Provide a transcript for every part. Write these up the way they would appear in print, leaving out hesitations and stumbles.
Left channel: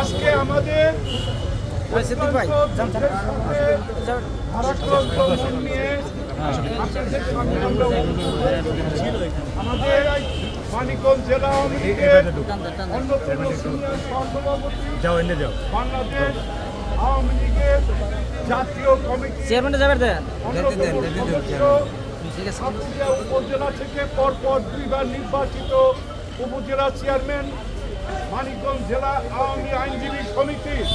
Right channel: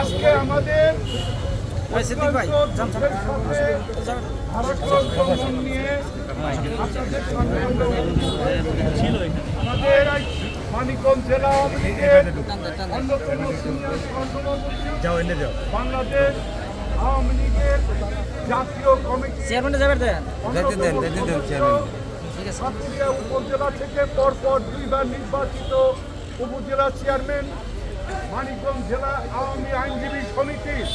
আজকে আমাদের মানিকগঞ্জ জেলা বাংলাদেশ আওয়ামী লীগের জাতীয় কমিটি উপজেলা থেকে পরপর দুইবার নির্বাচিত উপজেলা চেয়ারম্যান, মানিকগঞ্জ জেলা আওয়ামী আইনজীবী সমিতির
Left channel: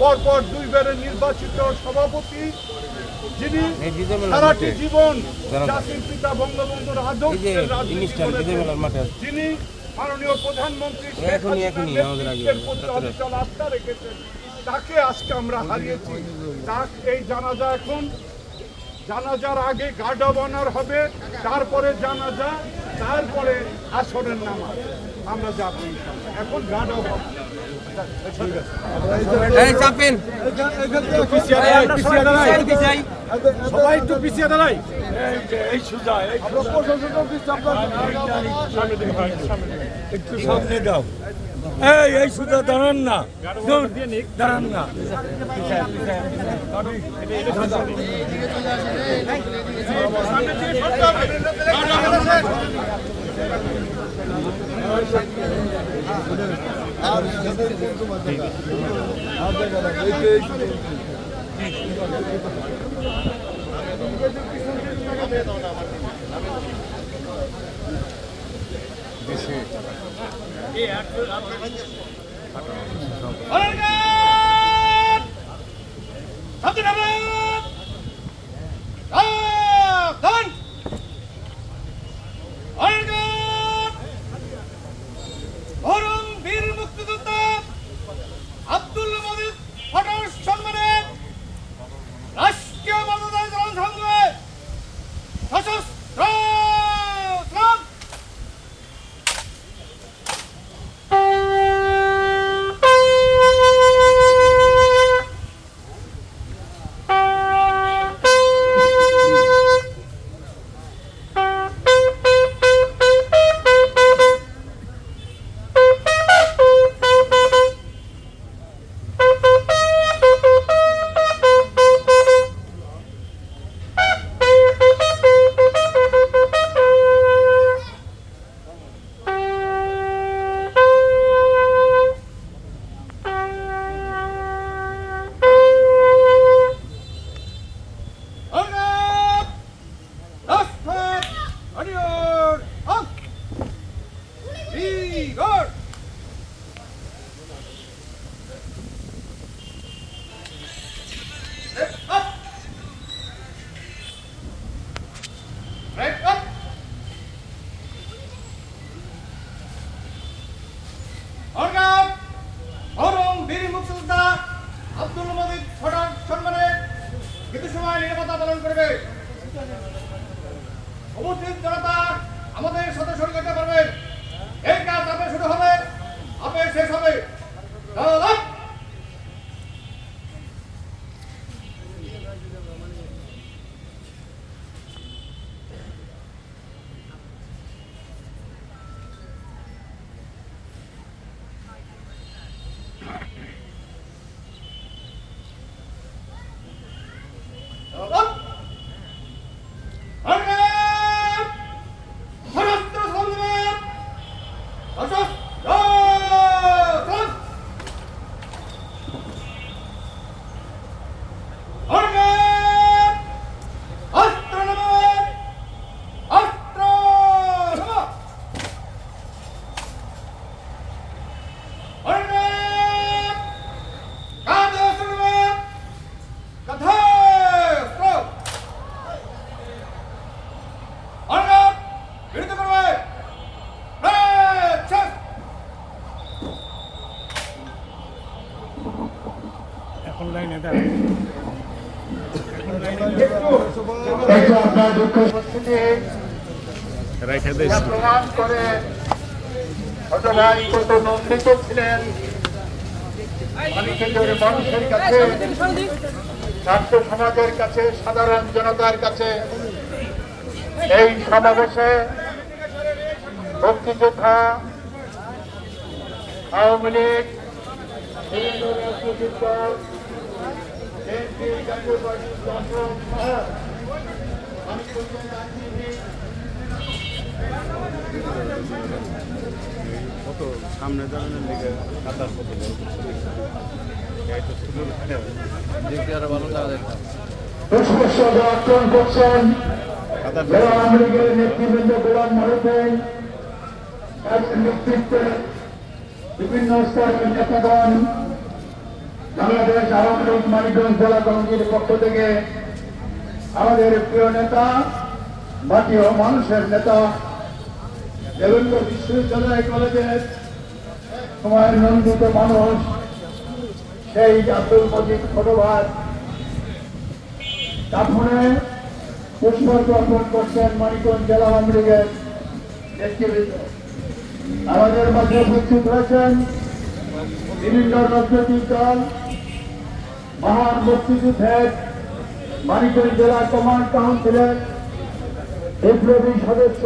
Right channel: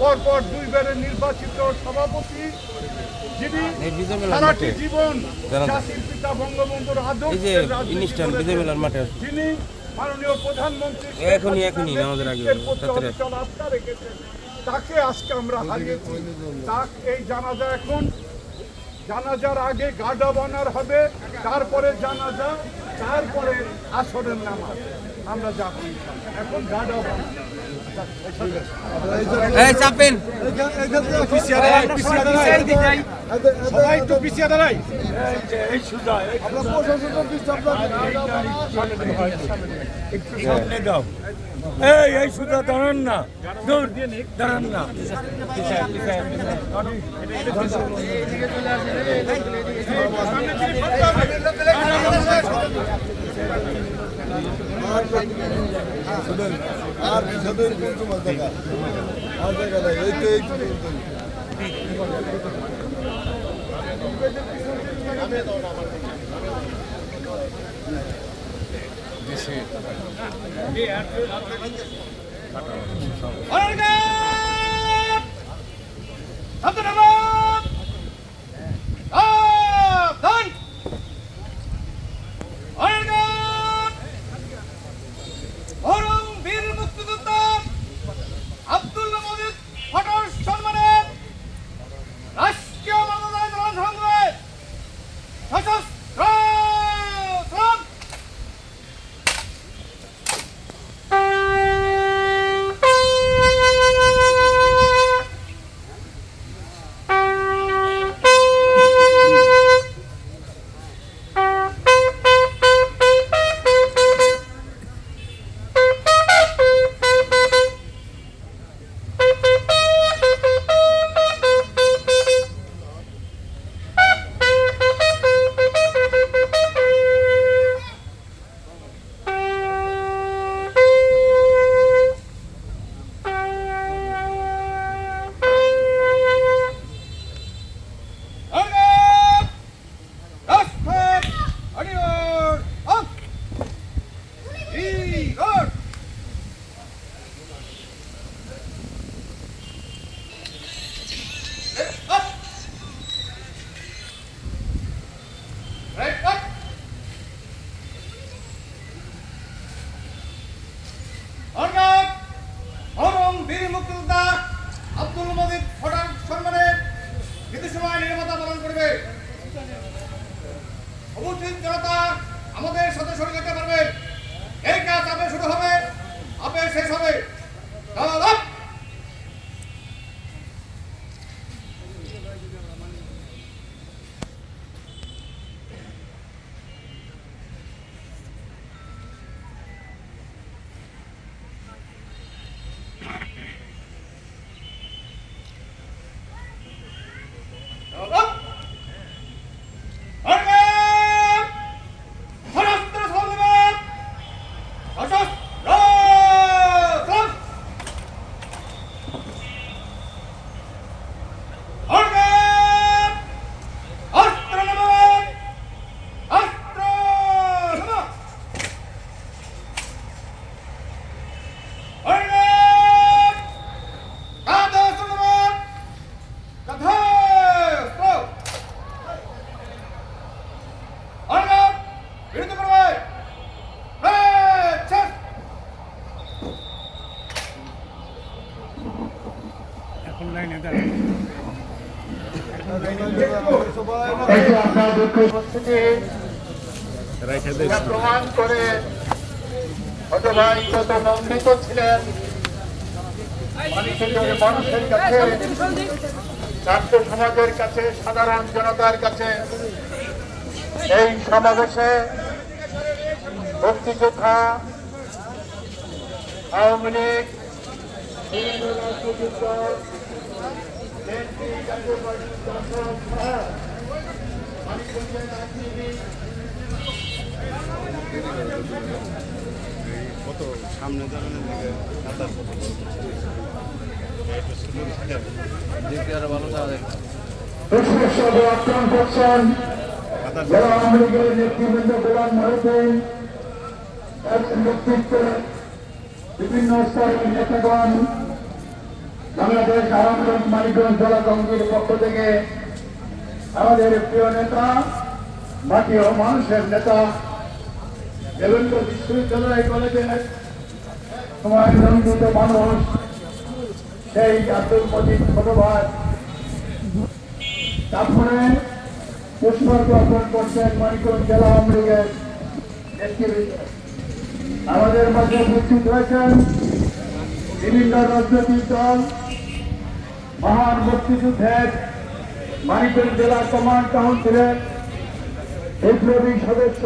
পরপর দুইবারের নির্বাচিত সভাপতি, যিনি সারাটি জীবন জাতির পিতা বঙ্গবন্ধুর আদর্শের যিনি মাননীয় প্রধানমন্ত্রী আস্থা রেখেছেন, তাকে আজকে আমরা হারিয়েছি। এই জানাজার আগে গার্ড অব অনার হবে, তারপরে জানাজা, তারপরে আসরের নামাজ। আমরা যাবো এখন গার্ড অব অনার। একটু সামনে দাও, এই সুদা দাঁড়ান না, দাঁড়ান না। আব্দুল মজিদ ফটক সম্মানে কিছু সময় নিরাপত্তা পালন করবে। উপস্থিত জনতা আমাদের সাথে সহযোগিতা করবে। এই কাজ আগে শুরু হবে, আগে শেষ হবে। প্রমাণ করে কত নন্দিত ছিলেন মানিকগঞ্জের মানুষের কাছে, ছাত্র সমাজের কাছে, সাধারণ জনতার কাছে। এই সমাবেশে মুক্তিযোদ্ধা আওয়ামী লীগ বিভিন্ন রাজনৈতিক দল বিএনপি, জাতীয় পার্টি, কংগ্রেস সহ মানিকগঞ্জের আইনজীবী কত সামনে দাঁড়ানোর দিকে কাতার কত দেখতে আরো ভালো লাগে বিশেষভাবে আক্রমণ করছেন যারা আওয়ামী লীগের নেতৃবৃন্দ গোলাম মহিউদ্দিন এর নেতৃত্বে বিভিন্ন স্তরের নেতাগণ বাংলাদেশ আওয়ামী লীগ মানিকগঞ্জ জেলা কমিটির পক্ষ থেকে আমাদের প্রিয় নেতা মাটি ও মানুষের নেতা বিভিন্ন বিশ্ববিদ্যালয় কলেজের সময় নন্দিত মানুষ সেই আব্দুল মজিদ ছোট ভাই তারপরে পুষ্পার্ঘ অর্পণ করছেন মানিকগঞ্জ জেলা আওয়ামী লীগের নেতৃবৃন্দ। আমাদের মধ্যে উপস্থিত হয়েছেন বিভিন্ন রাজনৈতিক দল, মহান মুক্তিযুদ্ধের মানিকগঞ্জ জেলা কমান্ড কাউন্সিলের বিপ্লবী সদস্য,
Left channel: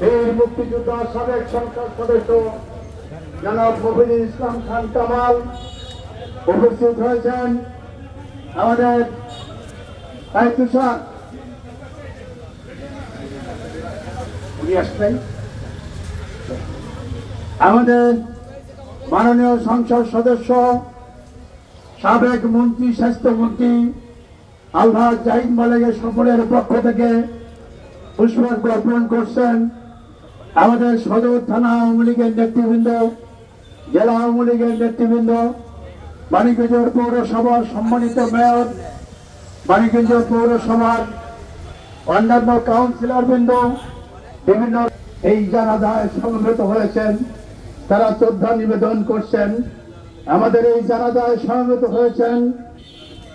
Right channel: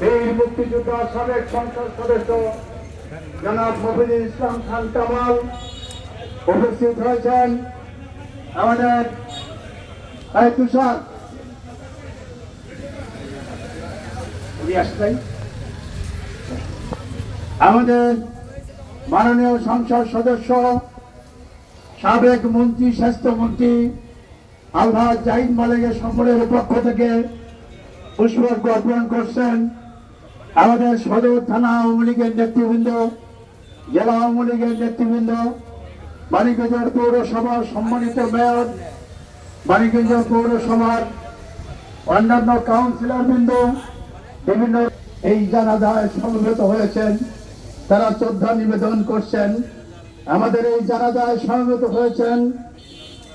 বীর মুক্তিযোদ্ধা সাবেক সংসদ সদস্য জনাব মফিজুল ইসলাম খান কামাল উপস্থিত হয়েছেন। আমাদের তুষার আমাদের মাননীয় সংসদ সদস্য সাবেক মন্ত্রী স্বাস্থ্যমন্ত্রী আলহাজ জাহিদ মালিকের সকলের পক্ষ থেকে পুষ্পার্ঘ অর্পণ করছেন। আমাদের সদর থানা আওয়ামী লীগের নেতৃবৃন্দ, জেলা আওয়ামী লীগের নেতৃবৃন্দ, মানিকগঞ্জ পৌরসভার সম্মানিত মেয়র, মানিকগঞ্জ পৌরসভার অন্যান্য কাউন্সিলর বৃন্দ বিভিন্ন এই জানাজায় সমবেত হয়েছেন, তারা শ্রদ্ধা নিবেদন করছেন। আমাদের এই জানাজায় সমবেত হয়েছেন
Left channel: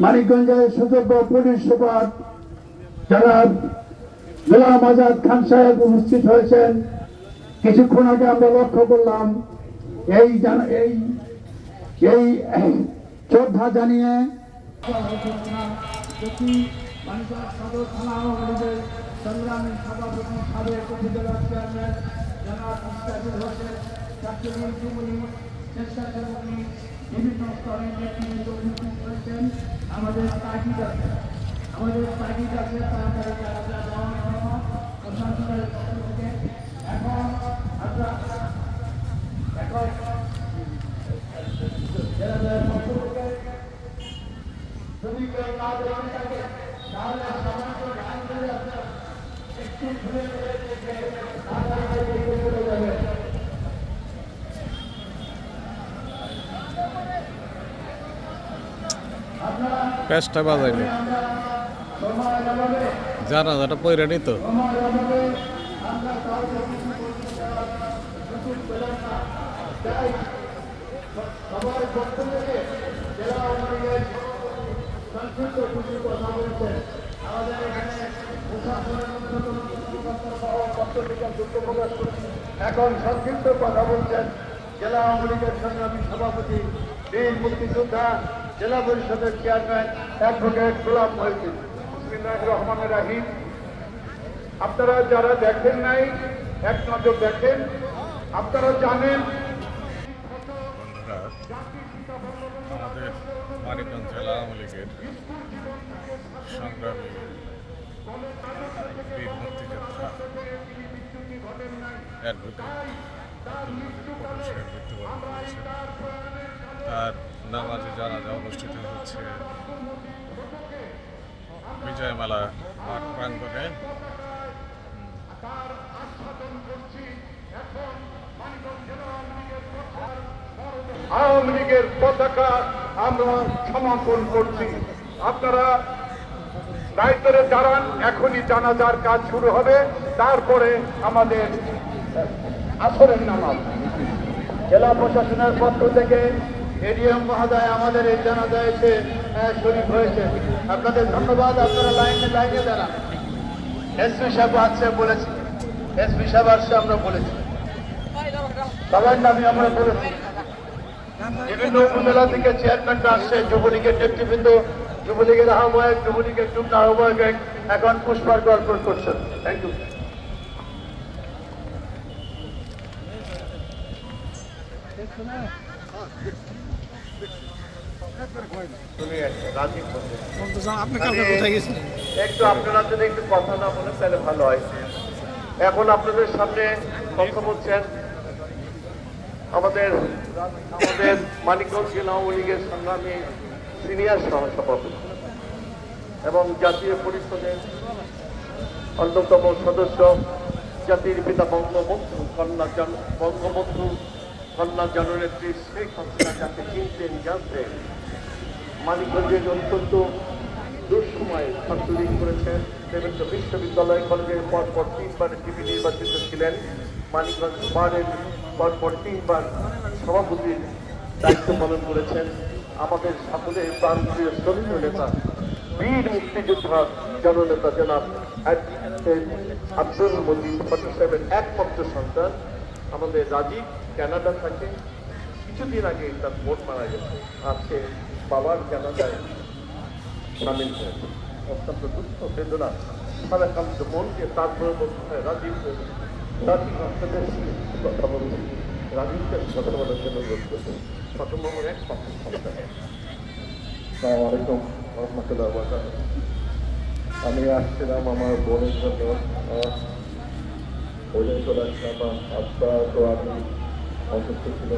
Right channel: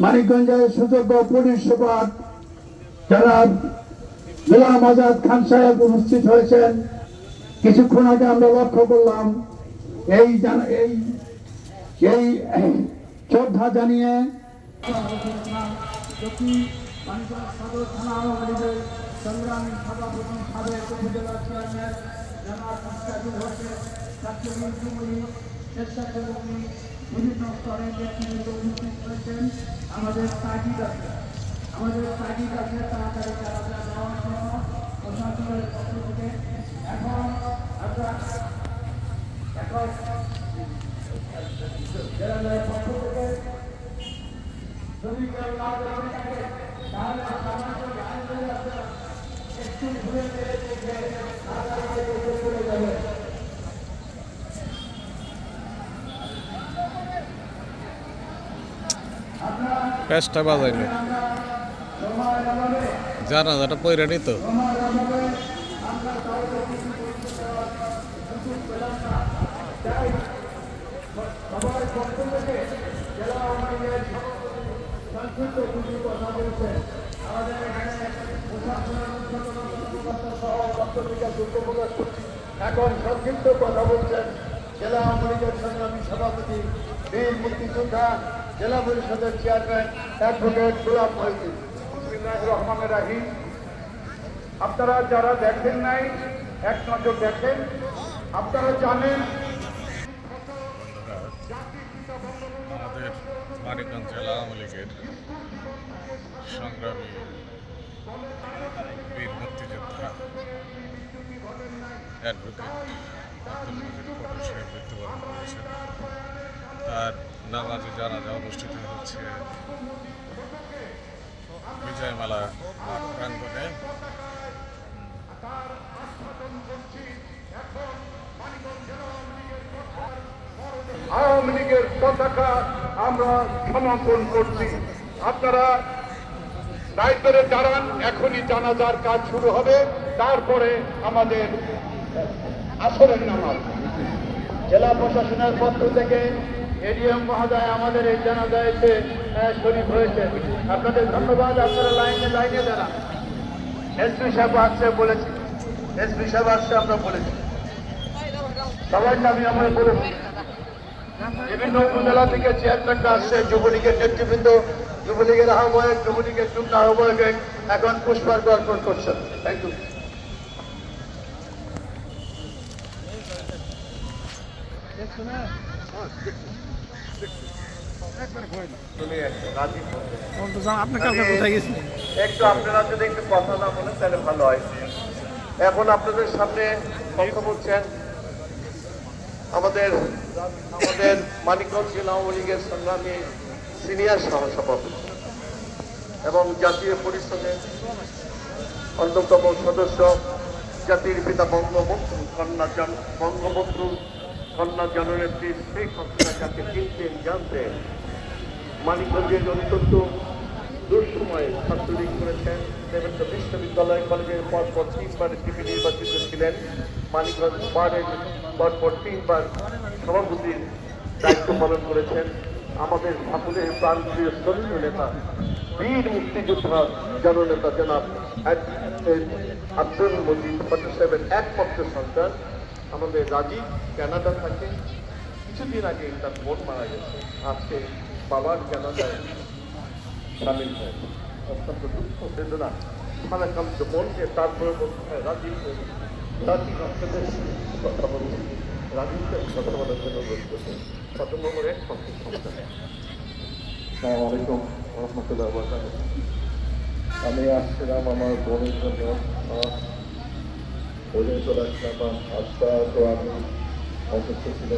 মানিকগঞ্জের সুযোগ্য পুলিশ সুপার জনাব গোলাম আজাদ খান সাহেব উপস্থিত হয়েছেন। কিছুক্ষণ আগে আমরা লক্ষ্য করলাম এই শ্রদ্ধা জানিয়ে সংগ্রামী সভাপতি সাবেক উপজেলা চেয়ারম্যান জনাব মুস্তাফিজুর হোসেন, স্বেচ্ছাসেবী বিভিন্ন স্তরের নেতৃবৃন্দ উপস্থিত হয়েছেন। আমাদের তাগিদ আছে তাড়াতাড়ি যারা প্রশাসনের পক্ষ থেকে এখন আমরা পক্ষ থেকে যদি কেউ না জানেন থাকে তাহলে একটু ঘুরে দেখে তাড়াতাড়ি চলে যাবে। প্যাচটা বাজাইলো জানাজাটা পয়রা নিত এখন সংক্ষিপ্ত কথা বলছেন জেলা আওয়ামী লীগের সংগ্রামী সভাপতি, বীর মুক্তিযোদ্ধা, জেলা পরিষদের চেয়ারম্যান অ্যাডভোকেট গোলাম মহিউদ্দিন। বিসমিল্লাহির রহমানির রহিম। আপনারা যারা দেখেন নাই এক নজর দেখেন, আপনারা জানেন আমাদের মানিকগঞ্জ জেলা আওয়ামী লীগের সংগ্রামী বীর মুক্তিযোদ্ধা অ্যাডভোকেট আব্দুল মজিদ পটল সাহেব মৃত্যুবরণ করেছেন। তার নামাজে জানাজা অনুষ্ঠিত হচ্ছে বিজয়মালা মাঠ প্রাঙ্গণে। আওয়ামী লীগের পতাকা আমরা সমর্থন করছি। আপনারা দায়িত্বে দাঁড়ান, এখনই জানাজার কাজ শুরু হবে, তারপরে আমাদের আসরের নামাজ। জেলা প্রশাসনের পক্ষ থেকে এডিএম মহোদয় আমাদের এই জানাজায় এসে শরীফ হয়েছে, আপনাদের ধন্যবাদ। আপনারা লাইনে দাঁড়ান। এসপি সাহেব আসছে বলেছি, এসপি সাহেব আসছে আমরা বলেছি, সবাই নামে আমরা বলেছি। বিভিন্ন উপজেলা থেকে চেয়ারম্যানরা আসছে, যুবলীগের নেতৃবৃন্দ, যুবলীগের আহ্বায়ক, যুবলীগের যুগ্ম আহ্বায়ক এখন পুষ্পার্ঘ অর্পণ করছেন। Thank you. আপনি কালকে কোথায় গেছিলেন? একটু আপনারা যদি একটু কথা না বলেন তাহলে ভালো হয়। এখন আপনাদের সামনে কথা বলছেন আমাদের মানিকগঞ্জ জেলা আওয়ামী লীগের সংগ্রামী সিনিয়র সহসভাপতি এবং জাতীয় পরিষদের অন্যতম সদস্য, জাতির পিতা বঙ্গবন্ধু কন্যা জননেত্রী শেখ হাসিনা যাকে চিনতেন জানতেন, মানিকগঞ্জের অত্যন্ত দুঃসময়ে ছাত্রলীগ করেছেন, বিভিন্ন বিশ্ববিদ্যালয় কলেজের পরপর 3বার ডিপি নির্বাচিত ছিলেন, মানিকগঞ্জ বারের পরপর 3বার সভাপতির দায়িত্ব পালন করেছেন। আমাদের সকলের প্রান্তীয় শ্রমিক নেতা, বীর মুক্তিযোদ্ধা জননেতা জনাব আব্দুল মজিদ ফটিক সাহেবের একমাত্র সন্তান আমাদের রাজীব কানাডা থাকে। কিছুদিন আগে তার ভোট মারা গেছে, আজকে বাবার কানাডায় সামিল হয়েছে। অত্যন্ত দুঃখ বেদনা সারাকান্ত মনকে তার রাজীব আপনাদের কথা বলছি, রাজীবকে কথা বলার জন্য অনুরোধ করছি। প্রথমবারের এক সন্তান। আসসালামু আলাইকুম রহমতুল্লাহ বারাকাতুহু। আমি আসছিলাম আমার বোনের জন্য চলে আসলাম। আজকে তো আমি অসুস্থ ছিল,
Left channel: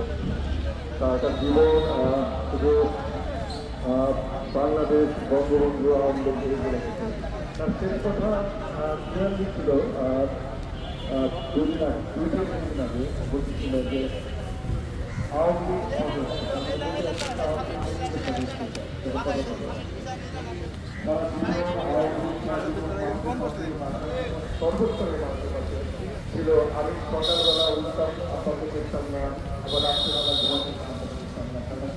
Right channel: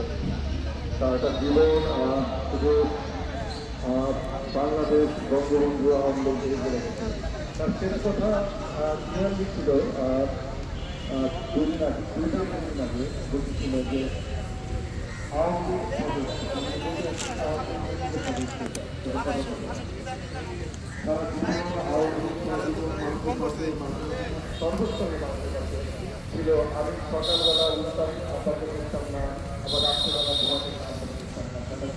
সারাটা জীবন শুধু বাংলাদেশ বঙ্গবন্ধু আন্দোলন তার শেষ কথা ছিল 2 দিন আগে বলছিল যে আওয়ামী লীগ সদস্য সর্বস্তরের মানুষের কাছে ছিল। আমি সকালবেলা উঠতাম, আপনাকে দেখতাম না, আবার রাত্রিবেলা ঘুমাতে আপনাকে দেখতাম না। আপনারা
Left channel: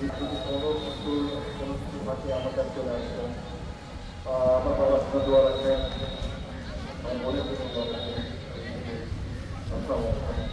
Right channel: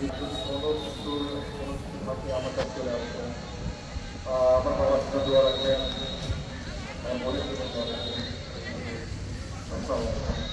কোনো কিছু ভাষে আমার কাছে চলে আসতেন। আমার বাবার জন্য দোয়া রাখবেন, আমার মনে করে দোয়া রাখবেন। আসসালামু আলাইকুম।